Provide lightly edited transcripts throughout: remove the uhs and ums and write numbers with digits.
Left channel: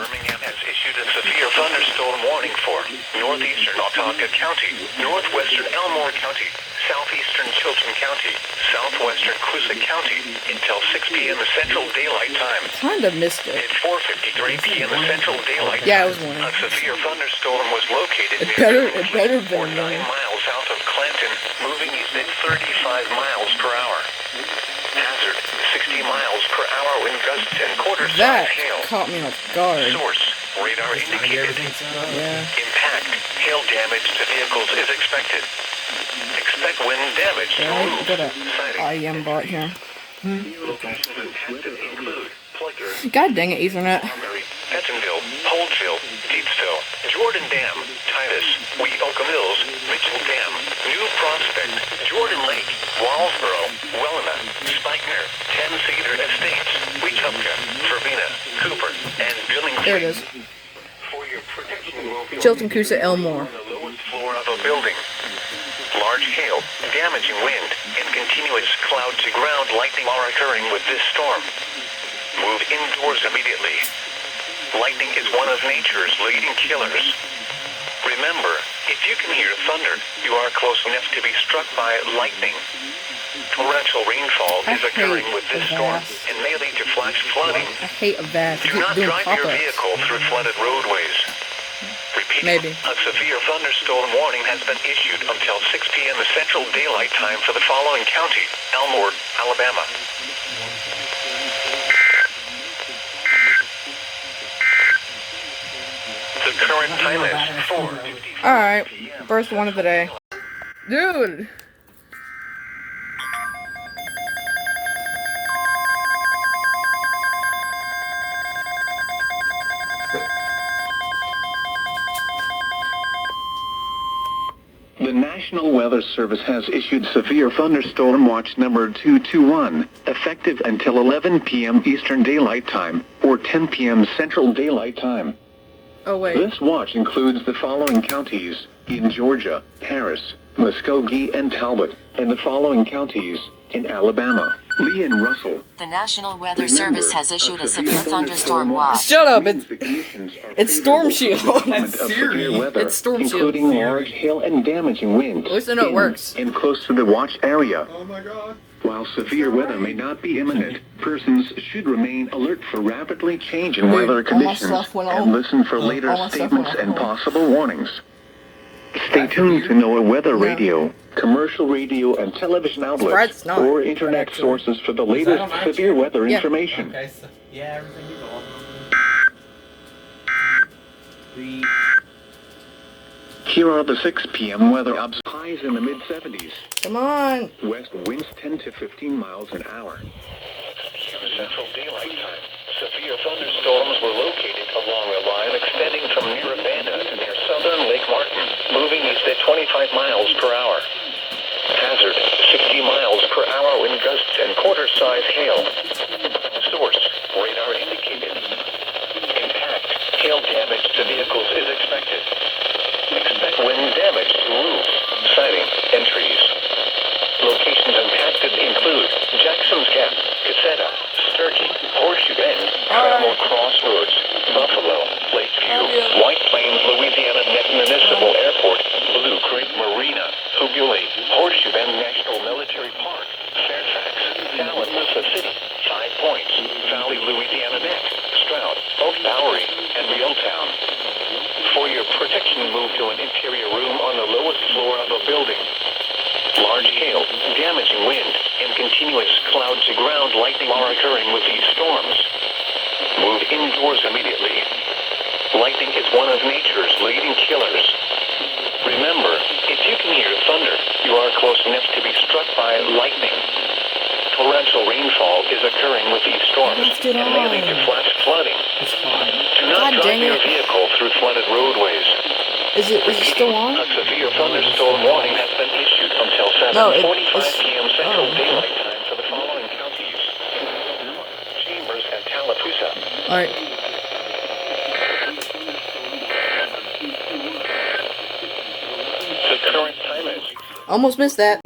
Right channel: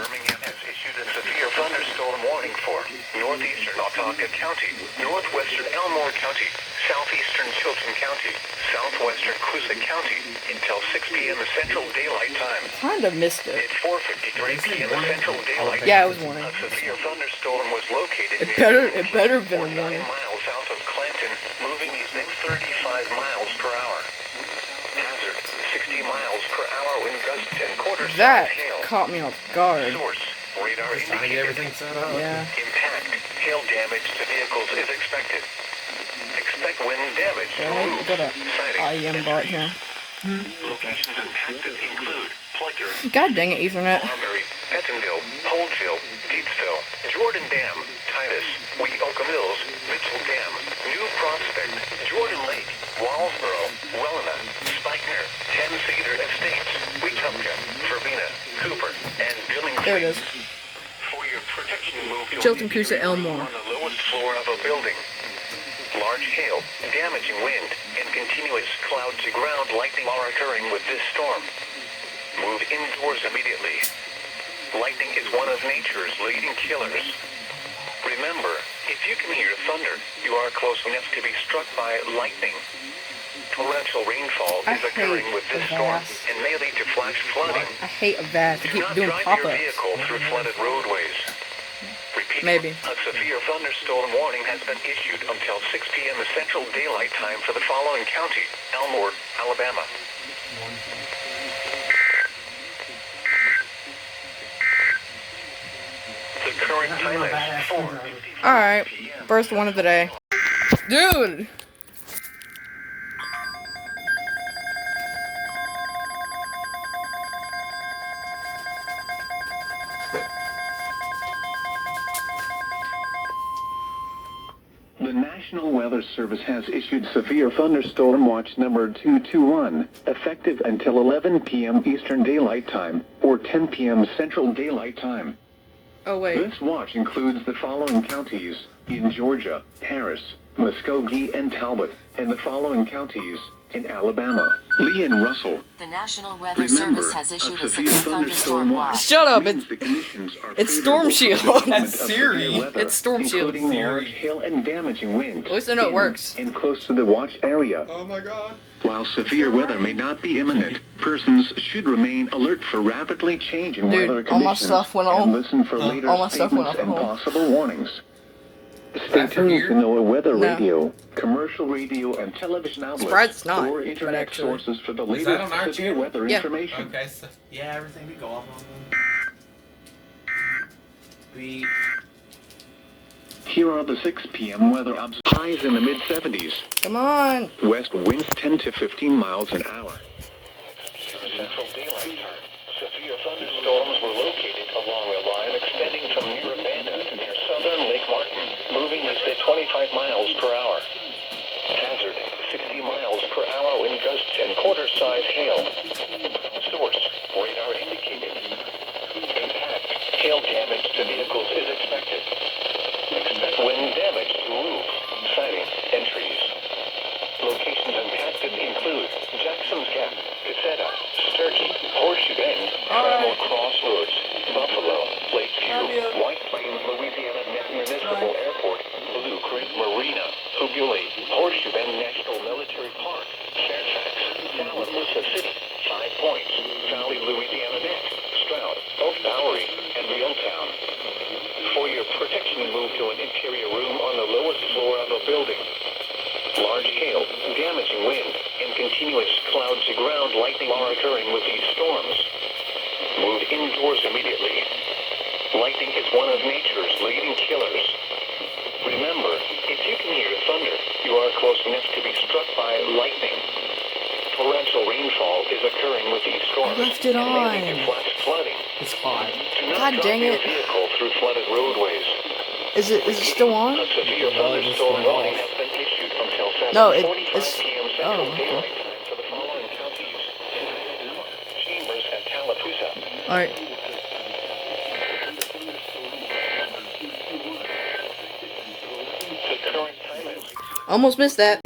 Birmingham has issued a severe thunderstorm warning for northeastern Otaka County, northwestern Elmore County, southeastern Chilton County, southwestern Coosa County until 6 p.m. Central Daylight Time. Kinda missed it. At 4:53 p.m. Central Daylight Time. Yeah, it was warning. A severe thunderstorm was located It better have been a 9 warning. miles south of Clanton, moving east at 35 miles per hour. Hazard, 60 miles per hour wind gusts and quarter-size That hail. caught me off guard. Source, radar indicated. Yeah. Impact, hail damage to vehicles is expected. Expect wind damage to Alright, roofs, got a siding. IM bot here. Locations impacted include Flicker, God dang it, Ethernet. Montgomery, Pentonville, Holdsville, Deepsville, Jordan Dam, Titus, Weehawken Mills, Mitchell Dam, New Prospect, Jordan Lake, Wallsboro, Welena, Spikener, Ten Cedar Estates, Wetumpka, Verbena, Cooper, and Billings. There it is. For your protection, move to Chilton, Coosa, Elmore. on the lowest floor of a building. Large hail, damaging wind, and continuous cloud-to-ground lightning are occurring with this storm. Move indoors immediately. Lightning is one of nature's leading killers. Remember, if you can hear thunder, you are close enough to be struck by lightning. Torrential rainfall is occurring with this storm and may lead to flash flooding. I hate Avast. I Do keep not doing drive your pop-ups. vehicle through flooded roadways. Repeat, Maybe. a severe thunderstorm warning has been issued until 6 p.m. Central Daylight Time for the following county: Elmore, Alabama. The current time is 4:55 Alright, p.m. first one of the day. Dude! The National Weather Service has issued severe thunderstorm watch number 221, effective until 11 p.m. Eastern Daylight Time, or 10 p.m. Central Daylight Time. Oh, wait. This watch includes the following counties in Georgia: Harris, Muskogee, and Talbot, and the following counties in Alabama: Lee and Russell. The National Weather Service has issued a severe thunderstorm watch. Shut up, it's Storm Shield. That's Siri. It's Storm Shield. Including large hail and damaging winds. At least I know it works. And close to the watch area. Oh my god. While severe weather may not be imminent, persons should remain alert for rapidly changing Dude, weather all my conditions stuff went and off. listen for later All my stuff went statements off. and possible warnings. Stay tuned to NOAA Weather No. Radio, commercial radio and television outlets, Surprised it's not, or but internet actually- sources for the Is that latest on severe weather Yeah. information. Okay, so yeah, everything you go. Here are the 6 p.m. weather obs. Highs in the mid-70s. Come on. West winds 10 to 15 miles an hour. Central Daylight Time. Severe thunderstorms were located along a line extending from near Urbana to near southern Lake Martin, moving east at 25 miles per hour. Hazard, 60 miles per hour wind gusts and quarter-size hail. Source, radar indicated. Impact, hail damage to vehicles is expected. Expect wind damage to roofs, siding, and trees. Locations impacted include Jackson's Gap, Caseta, Sturkey, Horseshoe Bend, Trammell Crossroads, Buffalo, Lakeview, White Plains, Louisiana Municipal Airport, Blue Creek Marina, Hubule, Horseshoe Bend National Military Park, Fairfax, Tallapoosa City, 5 Points, Valley, Louisiana Neck, Stroud, Oak Bowery, and Reeltown. For your protection, move to an interior room on the lowest floor of a building. Large hail, damaging wind, and continuous cloud-to-ground lightning are occurring with these storms. Move indoors immediately. Lightning is one of nature's leading killers. Remember, if you can hear thunder, you are close enough to be struck by lightning. Torrential rainfall is occurring with these storms Left it and may lead to on. flash flooding. It's fine. Do not God drive dang your it. vehicle through flooded roadways. Is it still on? A severe thunderstorm warning has been issued until No, 7:45 it's... p.m. Central Oh, okay. Daylight Time for the following counties: Chambers and Tallapoosa. Alright. The current time is Almost missed that.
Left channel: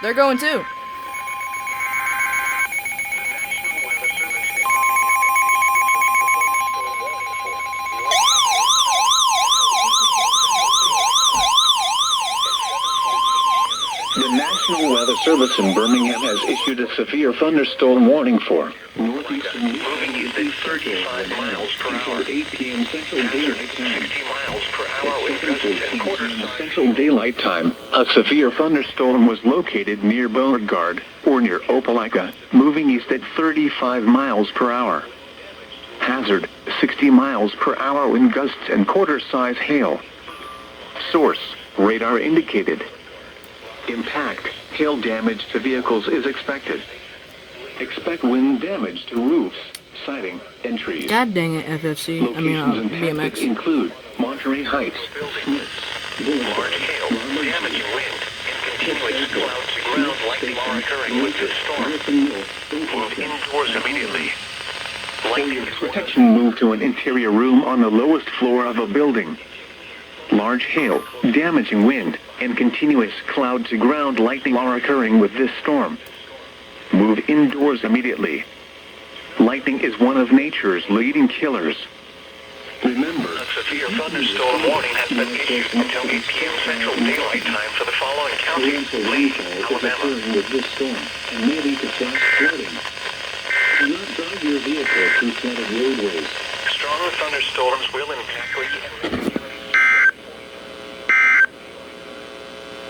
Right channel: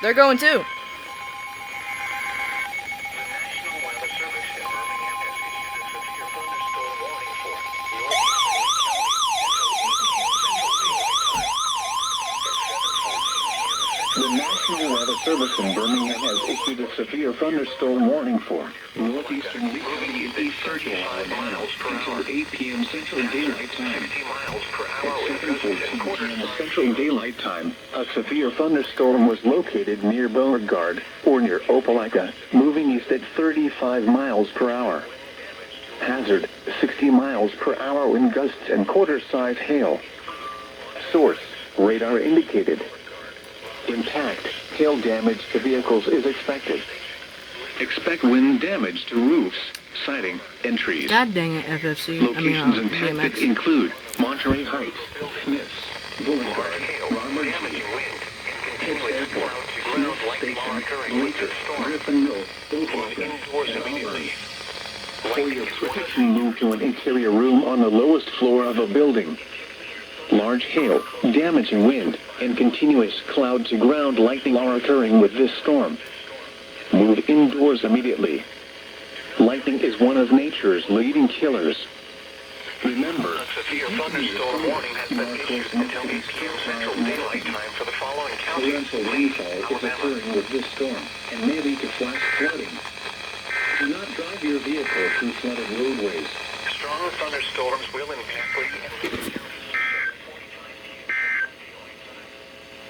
They're going too. The National Weather Service in Birmingham has issued a severe thunderstorm warning for northeastern moving at 35 miles per hour until 8 p.m. Central Daylight Time. 60 miles per hour at 7:14 p.m. Central Daylight Time. A severe thunderstorm was located near Beauregard or near Opelika, moving east at 35 miles per hour. Hazard: 60 miles per hour wind gusts and quarter-size hail. Source: radar indicated. Impact: hail damage to vehicles is expected. Expect wind damage to roofs, siding, and trees. God dang it, FFC. Locations impacted BMX. include Monterey Heights, Smiths, Boulevard, Ronald G. Pitt Airport, Smith Station, Lincoln, Griffin Mill, indoors immediately. For your protection, move to an interior room on the lowest floor of a building. Large hail, damaging wind, and continuous cloud-to-ground lightning are occurring with this storm. Move indoors immediately. Lightning is one of nature's leading killers. Remember, a severe thunderstorm warning has been issued until 8 p.m. Central Daylight Time for the following counties: rainfall is occurring with this storm and may lead to flash flooding. Do not drive your vehicle through flooded roadways. Strong thunderstorms will impact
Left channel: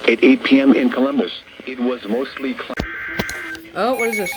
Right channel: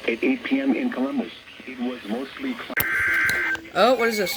At 8 p.m. in Columbus, it was mostly cloudy. Oh, what is this?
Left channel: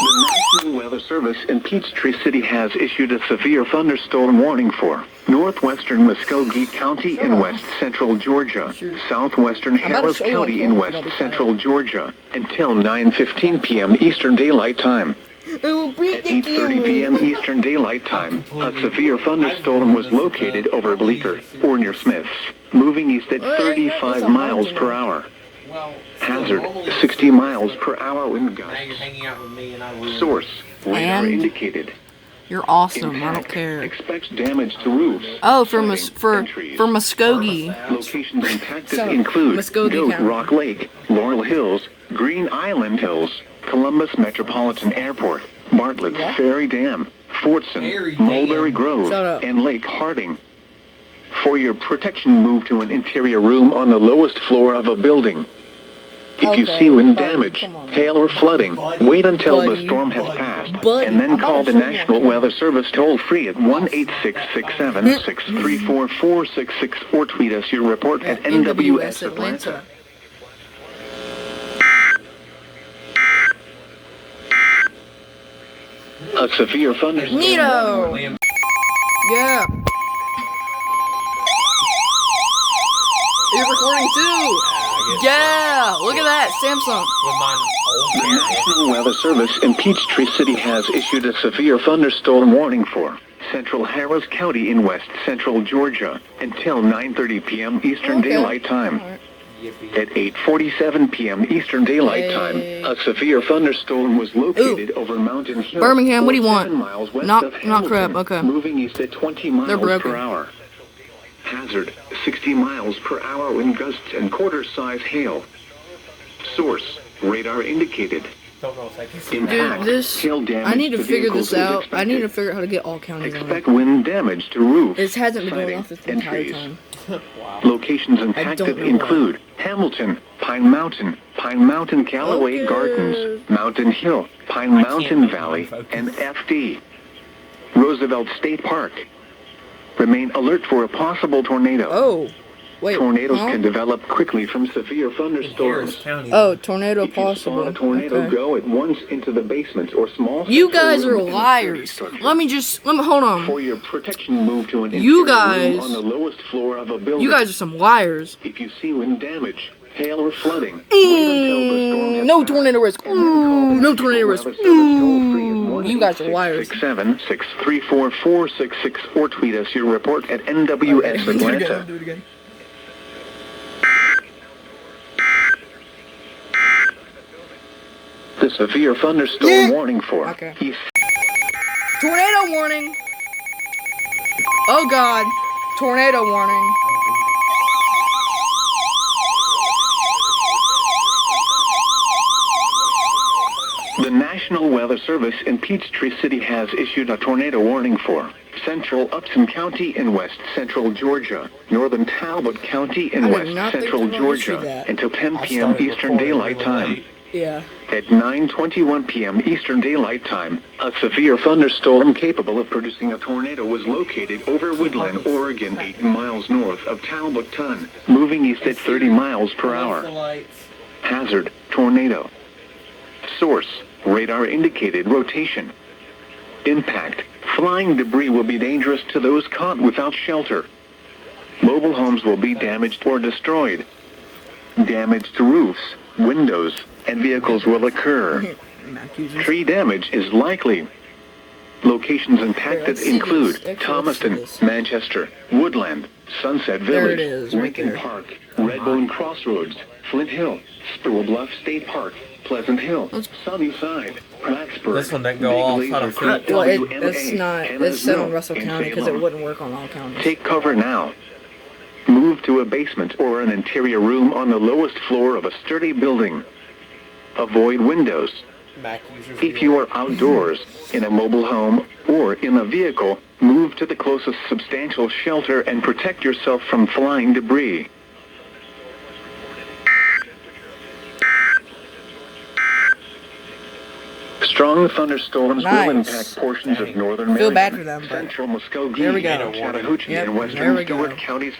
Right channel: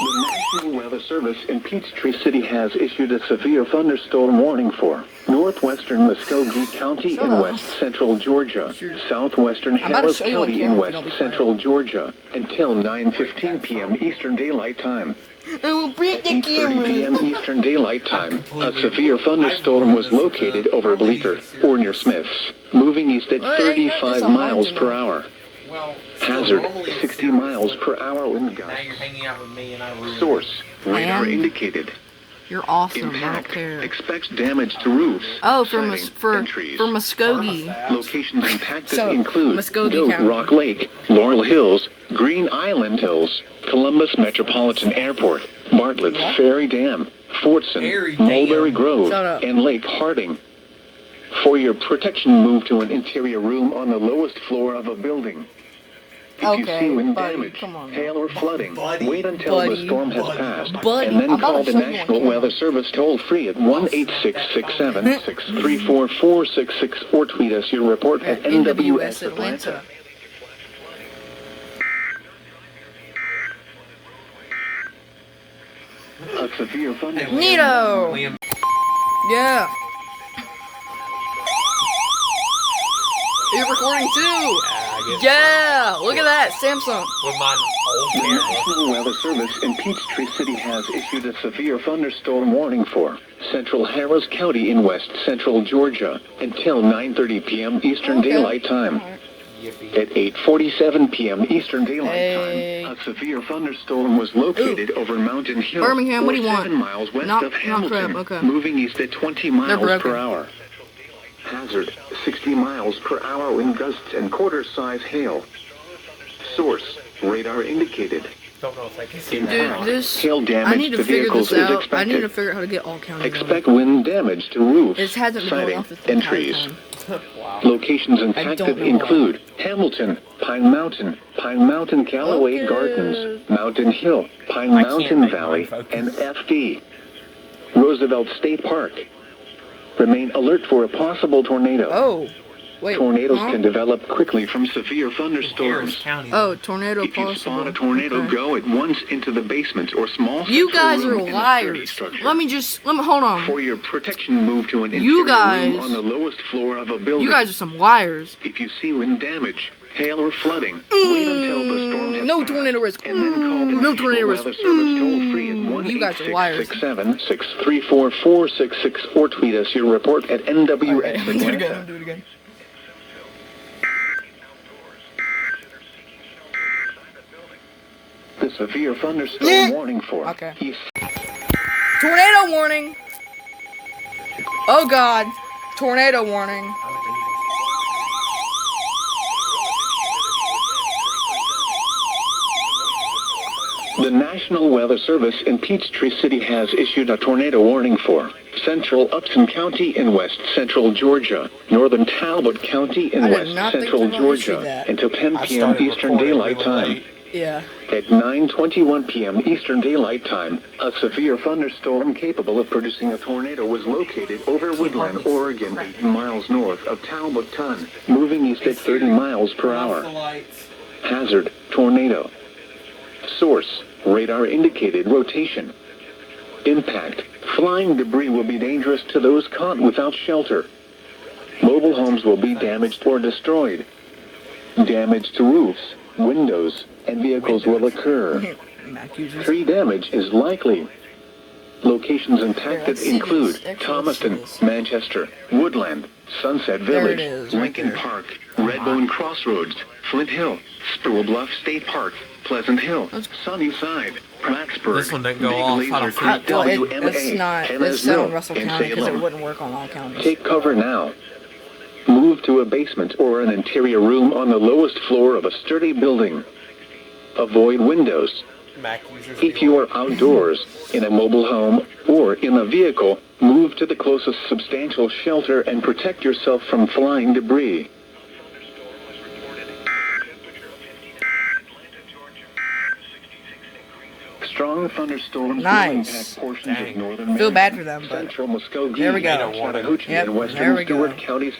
The National Weather Service in Peachtree City has issued a severe thunderstorm warning for northwestern Muskogee County in west central Georgia, southwestern Harris County in west central Georgia, until 9:15 p.m. Eastern Daylight Time. At 8:30 p.m. Eastern Daylight Time, a severe thunderstorm was located over Bleecker, or near Smiths, moving east at 35 miles per hour. Hazard: 60 miles per hour wind gusts. Source: radar indicated. You're awesome. I don't Impact: care. expects damage to roofs. Oh, siding, and trees. for Muskogee. Locations impacted So, include Muskogee Goat County. Rock Lake, Laurel Hills, Green Island Hills, Columbus Metropolitan Airport, Bartlett's Ferry Dam, Fortson, Mulberry Grove, Shut up. and Lake Harding. For your protection, move to an interior room on the lowest floor of a building. If you Okay, see wind buddy, damage, come on. hail, or flooding, wait until the Buddy. storm has passed, Buddy, and then I'm call about the to show you. National Weather Service toll-free at 1-866-7-634-466 or tweet us your report at NWS Atlanta. A severe thunderstorm. Neato! Yeah. You're recording too! Yeah! Look at that, Samsung. The National Weather Service in Peachtree City has issued a severe thunderstorm warning for central Harris County in west central Georgia until 9:30 p.m. Eastern Daylight Time. Alright. At 8:47 p.m. Eastern Daylight Time, a severe thunderstorm was located over Mountain Hill. Birmingham, what do you 7 want? miles west Not of Hamilton, crap, okay. moving east at 20 miles broken. per hour. Hazard: 60 miles per hour wind gusts and quarter-size hail. Source: radar indicated. Dude, Impact: this... hail damage I need to figure vehicles this is out. I need to expected. figure out how to get all counties on it. Expect wind damage to roofs, It hasn't been going siding, off this and entire trees. time. Locations don't impacted know include Hamilton, Pine Mountain, Callaway Okay. Gardens, Mountain Hill, Pine Mountain Valley, and FD. Roosevelt State Park. Remain alert for a possible tornado. Oh. Wait, Tornadoes huh? can develop quickly from severe thunderstorms. Oh, tornado If you possible. saw a tornado Okay. go at once into the basement or small You central guys are room in a sturdy liars. structure. Let me hold on. For your protection, move to an You interior guys- room on the lowest floor of a building. You guys are some liars. If you see wind damage, hail, or flooding, wait until the storm has No passed, tornado risk. and then call the No National tornado risk. Weather Service toll-free at You guys are liars. 1-866-7-634-466 or tweet us your report at NWS Atlanta. Do it again. The a severe thunderstorm warning for. Okay. East Tornado warning. Oh God. Tornado warning. The National Weather Service in Peachtree City has issued a tornado warning for central Upton County in west central Georgia, northern Talbot County in I did west not think central they were gonna issue Georgia that. until 10 I p.m. started Eastern recording Daylight really Time. late. Yeah. At 9:21 p.m. Eastern Daylight Time, a severe thunderstorm capable of producing a tornado was located over Woodland, Oregon, 8 miles north of Talbot Ton, moving east at 30 miles per Turn off hour. the lights. Hazard, tornado. Source, radar indicated rotation. Impact, flying debris will be dangerous to those caught without shelter. Mobile homes will be damaged or destroyed. Damage to roofs, windows, and vehicles will occur. Mac users. Tree damage is likely. Locations impacted let's see include this. Actually, let's see Thomaston, this. Manchester, Woodland, Sunset There Village, it is, right Lincoln there. Park, Redbone Crossroads, Flint Hill, Spruill Bluff State Park, Pleasant Hill, Sunnyside, Plattsburgh. This one didn't go Big off. Laser I don't Creek, Well, WMA, it's not. Hannah's It's set on Mill, Russell and County because it Salem. wouldn't work on all counties. Take cover now. Move to a basement or an interior room on the lowest floor of a sturdy building. Avoid windows. Mac users. If you are outdoors, in a mobile home, or in a vehicle, move to the closest substantial shelter and protect yourself from flying debris. Strong thunderstorms will Nice. impact portions of northern Feel bad Maryland, for them, but central Muskogee, there we go. Chattahoochee, Yep, and there western we go. Stewart counties.